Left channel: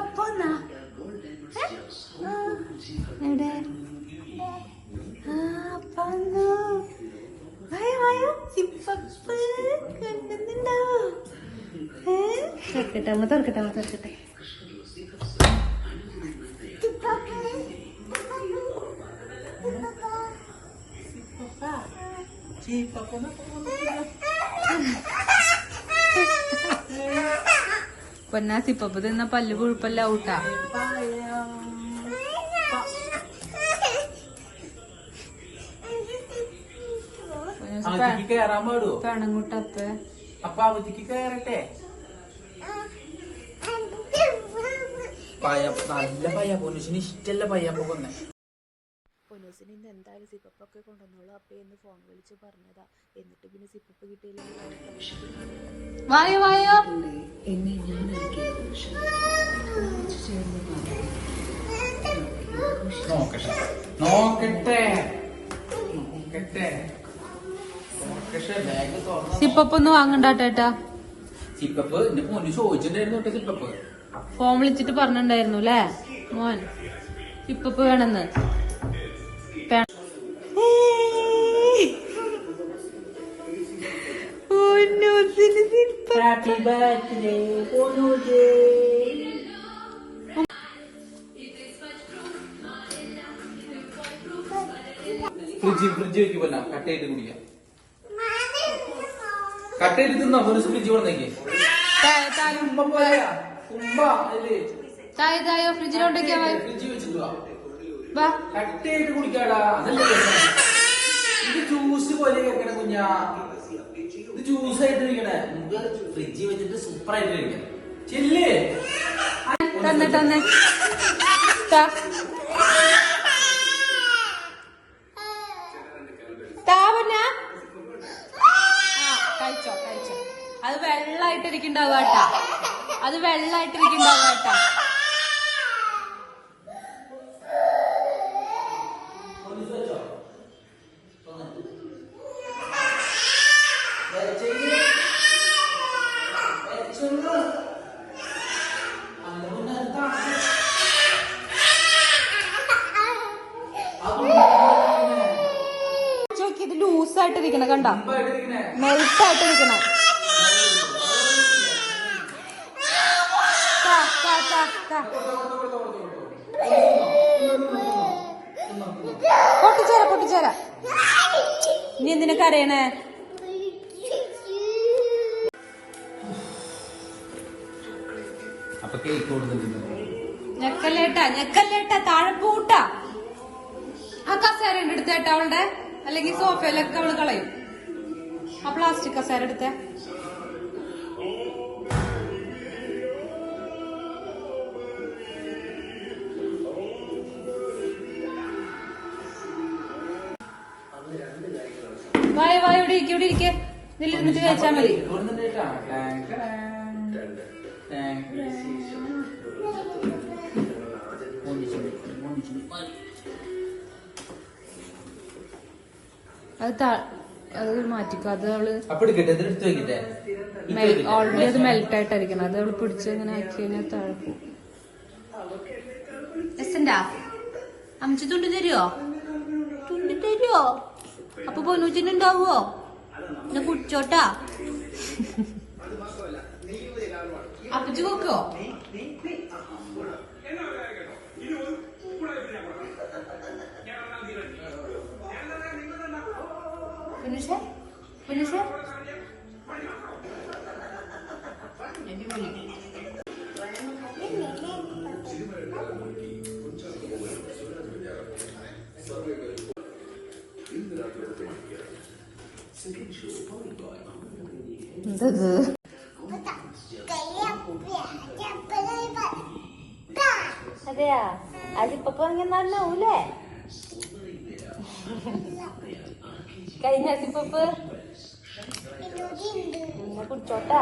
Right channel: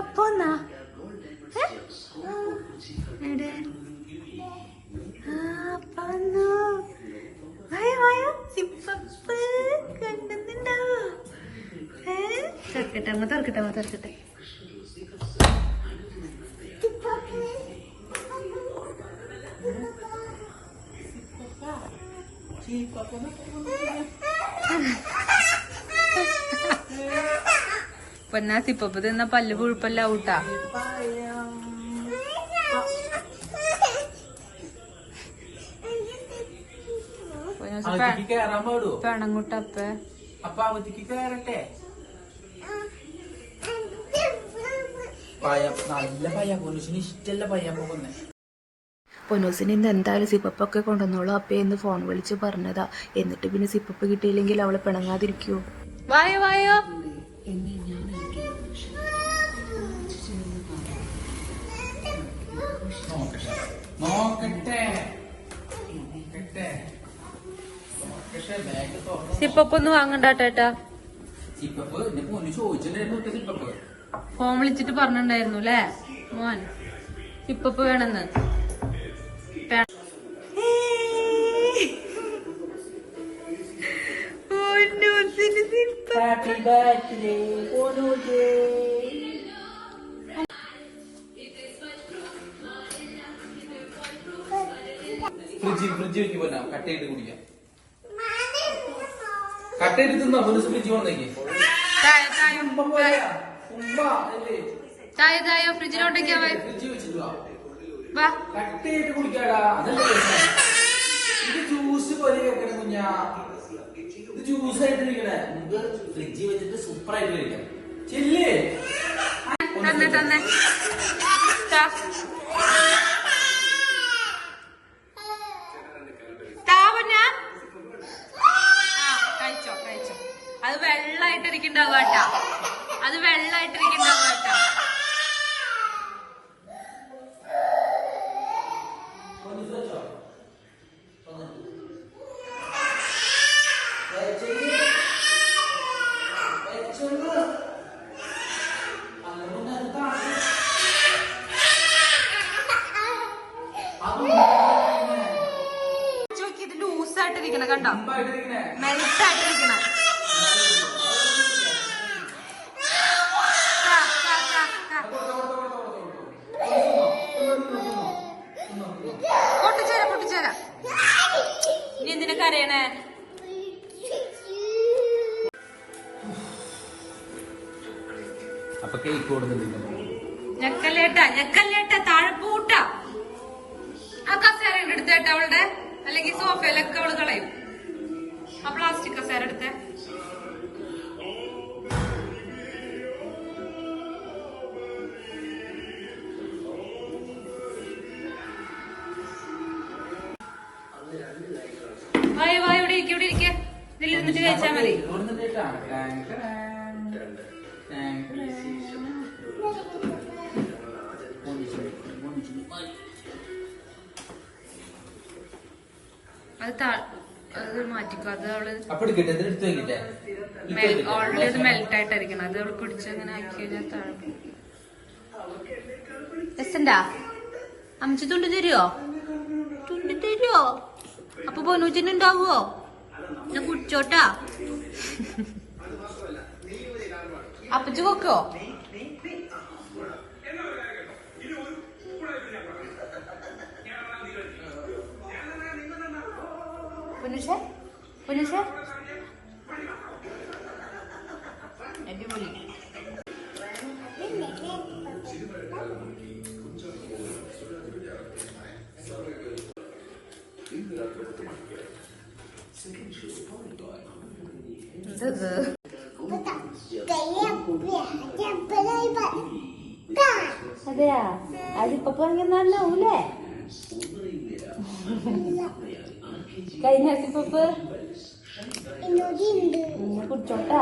അപ്പോന്നാ എവിടെ കണ്ടുന്നുണ്ടോ? തുറക്കട്ടെ അമ്മ തുറക്കട്ടെ അമ്മ തുറക്കട്ടെ. പൊന്നാ സിപ്പപ്പ് തിന്ന പല്ല് പുഴുപ്പല്ല ഊട്ടാ. പെണങ്ങൂട്ടപ്പ പൊന്നൂസിന് ഇന്ന് എന്തായാലും സിപ്പപ്പൊക്കെ കൊണ്ടുവന്നോളൂ അപ്പയെന്ന് ഫോൺ വിളിച്ച് പറഞ്ഞതാ. എന്നിട്ട് പിന്നെ സിപ്പപ്പ് കിട്ടിയില്ലെങ്കിൽ അവളെ പിണങ്ങാതിരിക്കുവോ? വായോ വായോ എന്നെ ഞാൻ സിപ്പൊന്ന് വാങ്ങണ്ടാട്ടേട്ടാ. ഫോൺ വിളിച്ചിട്ട് പറഞ്ഞിട്ടുണ്ടായിരുന്നു അല്ലേ മോൻ സിപ്പപ്പ് വേണമെന്ന്. ഹാപ്പി ബർത്ത്ഡേ ഫ്രിഡ്ജ് വെക്ക് പോലെ കട്ടയിട്ട് കുടിക്കാം. കട്ടയിട്ട് തിന്നോ ഫ്രിഡ്ജ് വന്നേക്ക്. ചായ ചായ ഫ്രിഡ്ജിലോട്ടേക്കാ ഫ്രിഡ്ജ് വെച്ചിട്ട് കട്ടയിട്ട് കുടിക്കാടാ. ഇത് ജ്യൂസ് പോലെ വെക്കണം കുഞ്ഞാ. ഇത് ജ്യൂസ് ആയിട്ട് കഴിക്കണേ. ഫ്രിഡ്ജ് വെച്ചിട്ട് സൂപ്പർ ആയിട്ട് കഴിക്കാം. ചെല്ലേ തന്നെ തന്നെ കഴിച്ചോ കഴിച്ചോ. അത് വെള്ളായിട്ടിരിക്കണ്ടാവുക കേട്ടാ. അത് വെള്ളായിട്ടിരിക്കണ്ടാവുക കേട്ടാ. ഇത് ലൂസായിട്ടിരിക്കണം കണ്ടോ, മെൽറ്റായിട്ടിരിക്കണം. പൊട്ടിച്ചേരാ പൊട്ടിച്ചേരാ. ഇനി എന്തിനാ കരയണേ? ഞെക്കല്ലേട്ടാ ഞെക്കല്ലേട്ടാ. താഴെ പൂട്ടാ. ആ കസേര എടുത്തേട്ടാ അവളുടെ, അല്ലെങ്കിൽ സോഫയിലൊക്കെ അവള് കളയും. ആ പ്ലാസ്റ്റിക് കസേര എടുത്തേ. വായ വായ ഇവിടെ ഇരിക്കും ഇവിടെ ഇരിക്കെ. ഇതിലിരുന്നിട്ട് കഴിച്ചാ മതി. അത് മാറ്റിക്കോ. അത് അവള് ഓൾറെഡി അത് മെൽറ്റ് ആയിട്ടായിരിക്കണം. അത് അവള് പിടിച്ച് ഇങ്ങനെ ആക്കി കഴിഞ്ഞാൽ എസ്സണ്ടാ അമ്മച്ചി തുണ്ടി തരുവോ? തുണ്ടി തരുവോ? അപ്പൊ പൊന്നൂച്ചിനുണ്ടാവുവോ? എന്നാ കുടിച്ചോട്ടാ. അപ്പച്ചു കൊക്കോ? പൊന്നൂഷേ പൊന്നൂഷേ അടിപൊളി. അതെയാ അതിപ്പോ പറഞ്ഞല്ലേ കഴിഞ്ഞ സിപ്പപ്പ് കുടിച്ചോട്ടാ.